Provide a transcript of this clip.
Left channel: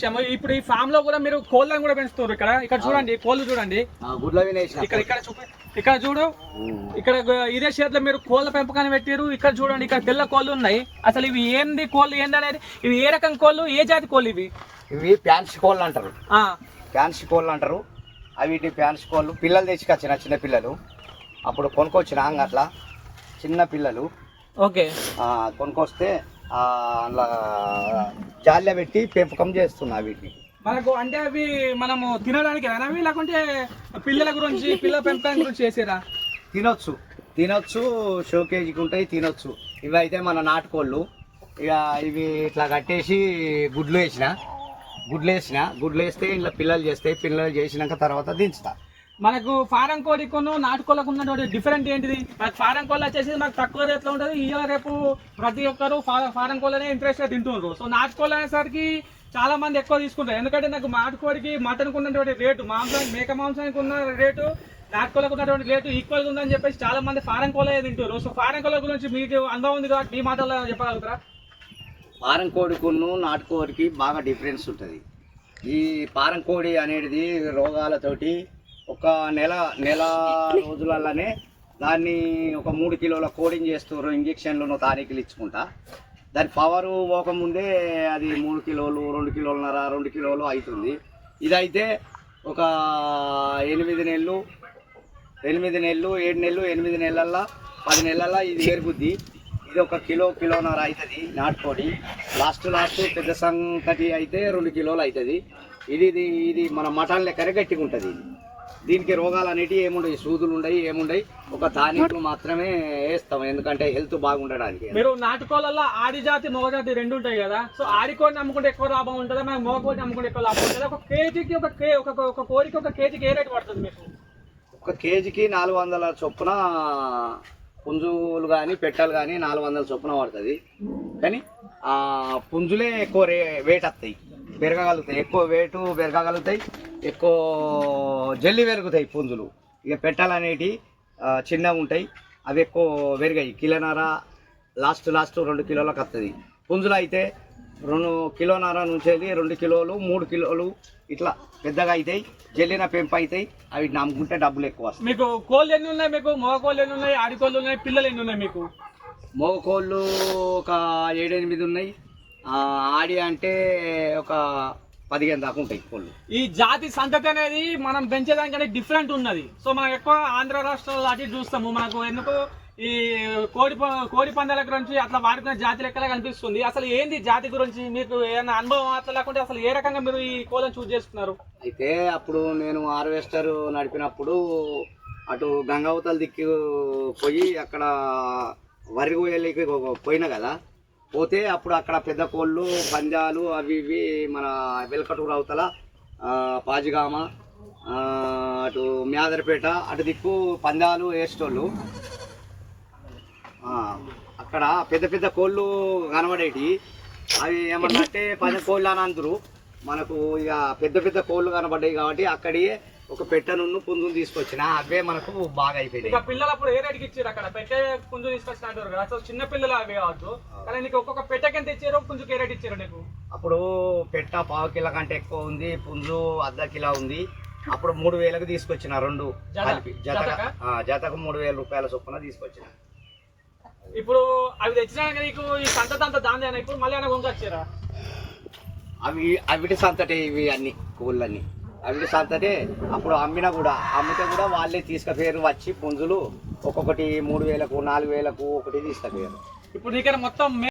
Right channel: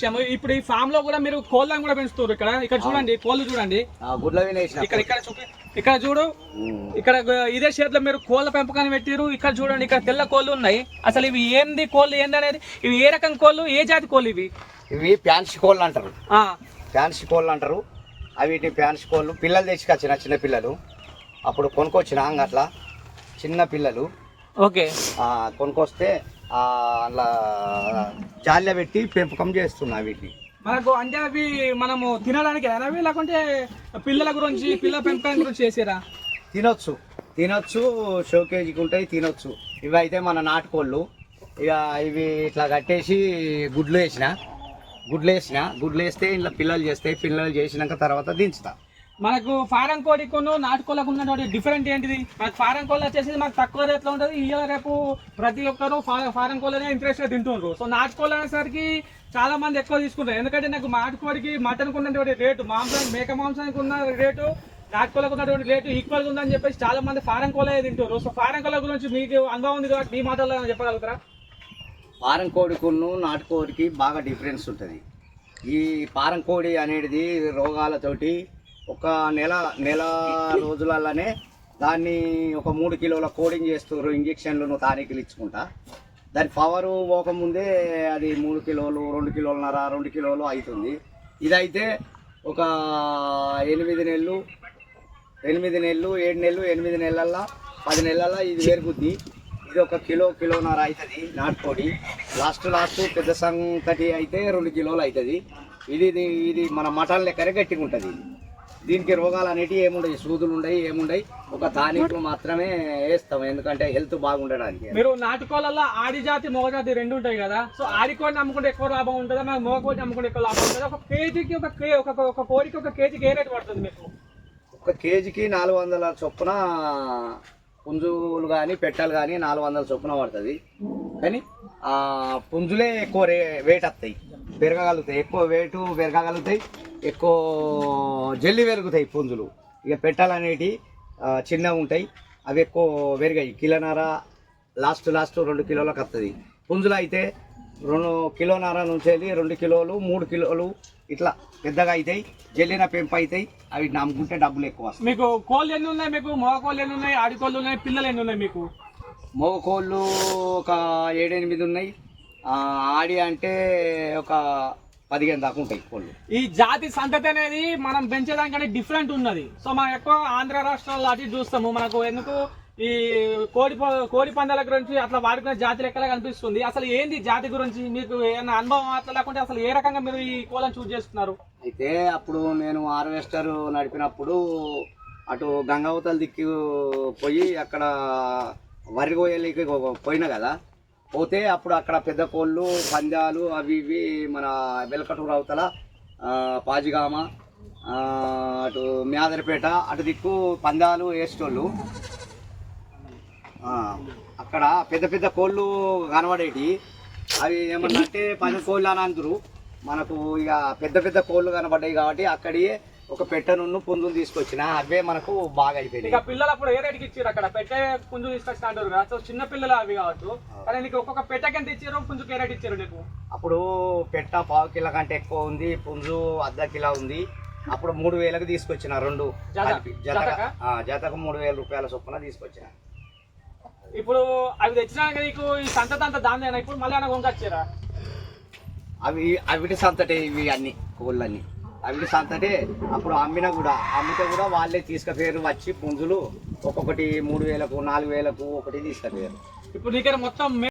విషయం. ఇప్పుడు ఈ ఫామ్ లో కూడా మీరు కోళ్ళని కూడా పెంచుతారు. ఇక్కడ చూడండి, కోళ్ళు చూడండి, ఇక్కడ చూడు, ఇక్కడ ఇదే షేర్లో మీరు కోళ్ళ పెంపకాన్ని పెట్టారు. ఇక్కడ చూడండి, ఇక్కడ తెల్ల కోళ్ళు ఉన్నాయి. అసలు ఇవి ఏంది కోళ్ళు ఏంది అనేది, ఇవి ఏ రకం కోళ్ళు, ఏ జాతి కోళ్ళు ఇవి? ఇవి ఫ్యాన్సీ కోళ్ళు అంటారు. ఫ్యాన్సీ కోళ్ళు అంటారు. అవి ఫ్యాన్సీ కోళ్ళు పిల్లలు తెచ్చుకొచ్చిన చిన్న పిల్లలు అప్పుడు కొనుక్కొచ్చిన అట్లా చిన్న పిల్లలు. ఓకే, కొనుక్కొస్తే అలా జాలిలో పెట్టి పెంపకం చేస్తున్నా వీటిని. మనకు అంటే అవి మనము తినడానికి అవి, లేకుంటే పిల్లల గురించి, పిల్లల పెంపకం గురించి చేసేరా? తినొచ్చు, షోకేజీకి ఉంటాయి, తినొచ్చు. ఇవి అయితే మన నాటుకోళ్ళు. ఇక ఇవి ఇట్లా కట్టేసి గుడ్లు వేస్తే ఇంట్లో పిల్లలు చేస్తాయి. పిల్లలు చేసినాక తర్వాత దించుతా. మనకు ఫారం కోడికును నాటుకోళ్ళకు ఉన్నటువంటి డిఫరెంట్ ఏంటిది? మనకు ఫారం కోళ్ళు వచ్చేసి మనకు తక్కువ రేట్లో ఉంటుంది. ఇవాళ రేపు ప్రతి ఒక్కరు ఫారం కోళ్ళనే ఇంట్రెస్ట్గా తింటున్నారు. సో నాటుకోళ్ళు అనేసరికి చాలా మంది ఎక్కువ తీసుకుంటారు. ఎందుకంటే నాకు నాటుకోడికి మటన్కి ఉన్నటువంటి రేటు, మేక మాంసానికి ఉన్న రేటు, నాటుకోళ్ళకు ఉన్నటువంటి రేటు ఈక్వల్గా ఉందని చెప్పేసి చాలా మంది ఫారం కోళ్ళే తింటారు. సో ఫారం కోళ్ళ గురించి మీకు అనుభవం ఉంది కాబట్టి మీ మాటల్లో చెప్పగలుగుతారా? ఫారం కోడికును నాటుకోడికి బాగా డిఫరెన్స్ ఉంటుంది. ఈ ఫారం కోడి అనేది రోగాలతోటి ఒక నెల రోజులలోనే దాన్ని ఒక 3 కిలోల కోడింగ్ చేస్తారు. ఇంజక్షన్లను తారీఖులు ఇచ్చుకుంటా దాని పవరు పోకముందే అది 3 కిలోలు, 2 కిలోలన్నర, 2 కిలోలు అవుతుంది. ఇదైతే ఒక 8 నెలలు, 7 నెలలు, 8 నెలల్లో 10 నెలల్లో ఇది పెరుగుద్ది. ఇది 1 కిలో, కిలోన్నర అవుతుంది నాటుకోడి. లాస్ట్ పెద్ద సంగతి అయితే 2 కిలోలు అవుతుంది. ఇది మన మటన్ లెక్కనే గట్టిగా ఉంటుంది. దీనికి రోగాలు అనేటివి ఏముండవు, సూదులు ఉండయి, ఏముండయి. ఒక తానికులు మాత్రమే వేస్తాం, ఎందుకంటే హెల్త్ బాగుండడానికి. మీరు నాటుకోళ్ళలో ఆడి జాతి, మగ జాతి రెండు ఉంటాయి కదా. సో ఆడి కోడిని అమ్ముకుంటే ఎక్కువ లాభం ఉంటుందా, మన మగ కోడిని అమ్ముకుంటే ఎక్కువ లాభం ఉంటుందా? ఒక కేజీకి ఒక కోడికి ఒక కేజీకి ఏ రేటు పడుతుంది మీకు? 1 కేజీకి 400 చొప్పున పుంజులు కానీ పెట్టలు కానీ 400 చొప్పున పడుతుంది. కానీ పుంజులే ఎక్కువ వెయిట్ వస్తాయి, పెరగగలుగుతాయి, ఎక్కువ వెయిట్ పెరగగలుగుతాయి, ఎక్కువ జల్లి పెరుగుతాయి పుంజులు. ఇక పెట్టలు అనేటివి చిన్నగా ఉంటాయి, అవి ఎక్కువ పెరిగాయి. కిలోన్నర లాస్ట్ 2 కిలోలకు వస్తుంది. పుంజులు అయితే 2 కిలోన్నర నుంచి 2 కిలోలు, 3 కిలోలు ఇట్లా పెద్దగా అవుతాయి. జల్లిన పెంపు అవుతాయి. అవి నమ్ముకుంటే డబ్బులు ఎక్కువ వస్తాయి. మీకు కోళ్ళు ఎన్ని ఉన్నాయి? మీకు మగ కోళ్ళు ఎన్ని ఉన్నాయి, ఆడి కోళ్ళు ఉన్నాయి, పిల్లలు ఎన్ని ఉన్నాయి మీకు? మగ కోళ్ళు ఒక 7-8 ఉన్నాయి. ఆడి అంటే ఒక 15 దాకా ఉంటాయి కోళ్ళు. ఈ జాతి సంతతి అనేది మనం పెంచేదానికంటే డిఫరెంట్ ఉన్నది. సో మనం ఎక్కువ ఆంధ్ర రాష్ట్రాల్లో అటు చూస్తాము. మనకు ఎందుకు ఈ కోడి పందాల గురించి అట్లా వాడుకునే జాతి లెక్కలా కనిపిస్తుంది. అసలు ఏంది జాతి గురించి మీకు ఏమైనా అనుభవం అట్లా లేకుంటే అసలు ఏ రకంగా మీరు ఈ కోళ్ళని చూస్ చేసుకున్నారు? అయితే అప్పుడు నేను హార్వెస్టర్ నడిపినప్పుడు అటు గంగావతల దిక్కు పోయి అక్కడ వరి కోయలికి పోయినా కదా. పోతే అప్పుడు అక్కడ పెద్ద కోళ్ళు, పందాలు అవి ఇవి మన వెల్కటూరు అవతల పాజిగామ, అటు మ్యాదరపేట అటు దిక్కు పందాలు వేసేటోళ్ళు. అక్కడ పెద్ద కోళ్ళు కనబడేటి. అవి ఏమన్నంటే 10 కోళ్ళు అని అందరు. మనకు ఇక పెద్ద కోళ్ళు కనబడ్డాయి కాబట్టి అక్కడియే ఒక పెట్టను పుంజును తీసుకొచ్చిన. అవే మనకు బాగా అయిపోయినాయి. ఇక పిల్లలు అప్పుడు ఏ రేటుకి ఇచ్చారు? అక్కడ పెట్టే పుంజు తీసుకొచ్చిన అంటారు కదా. సో చిన్న పిల్లలు అవి కావచ్చు, కానీ నీకు ఒక్కొక్క పెట్టకి ఎంత ఇచ్చారు, పుంజుకి ఏ రేటు ఇచ్చారు నీకు? అప్పుడు పెట్ట 1/2 కిలో కంటే ఎక్కువ ఉంది, పుంజు 1/2 కిలో ఉంది. అప్పుడు 3000కి తీసుకొచ్చిన, 2 జతకు 3000 రూపాయల చొప్పున తీసుకొచ్చిన. ఇప్పుడు అవి తెచ్చినాక నీకు ఈ సంతతి అంతా దాని ఇప్పుడు మళ్ళీ అన్న కొనుకొచ్చారా? అవిటి సంతటే ఇవి అన్ని కోళ్ళన్నీ అవిటి సంతటే. అప్పుడు అమ్మితే కూడా వాళ్ళే తీసుకుపోయారు. వచ్చి పుంజులు ఒక్కొక్కటి 3000కు, 4000కు ఒకటి తీసుకుపోయారు. ఇప్పుడు ఇక్కడ మొత్తం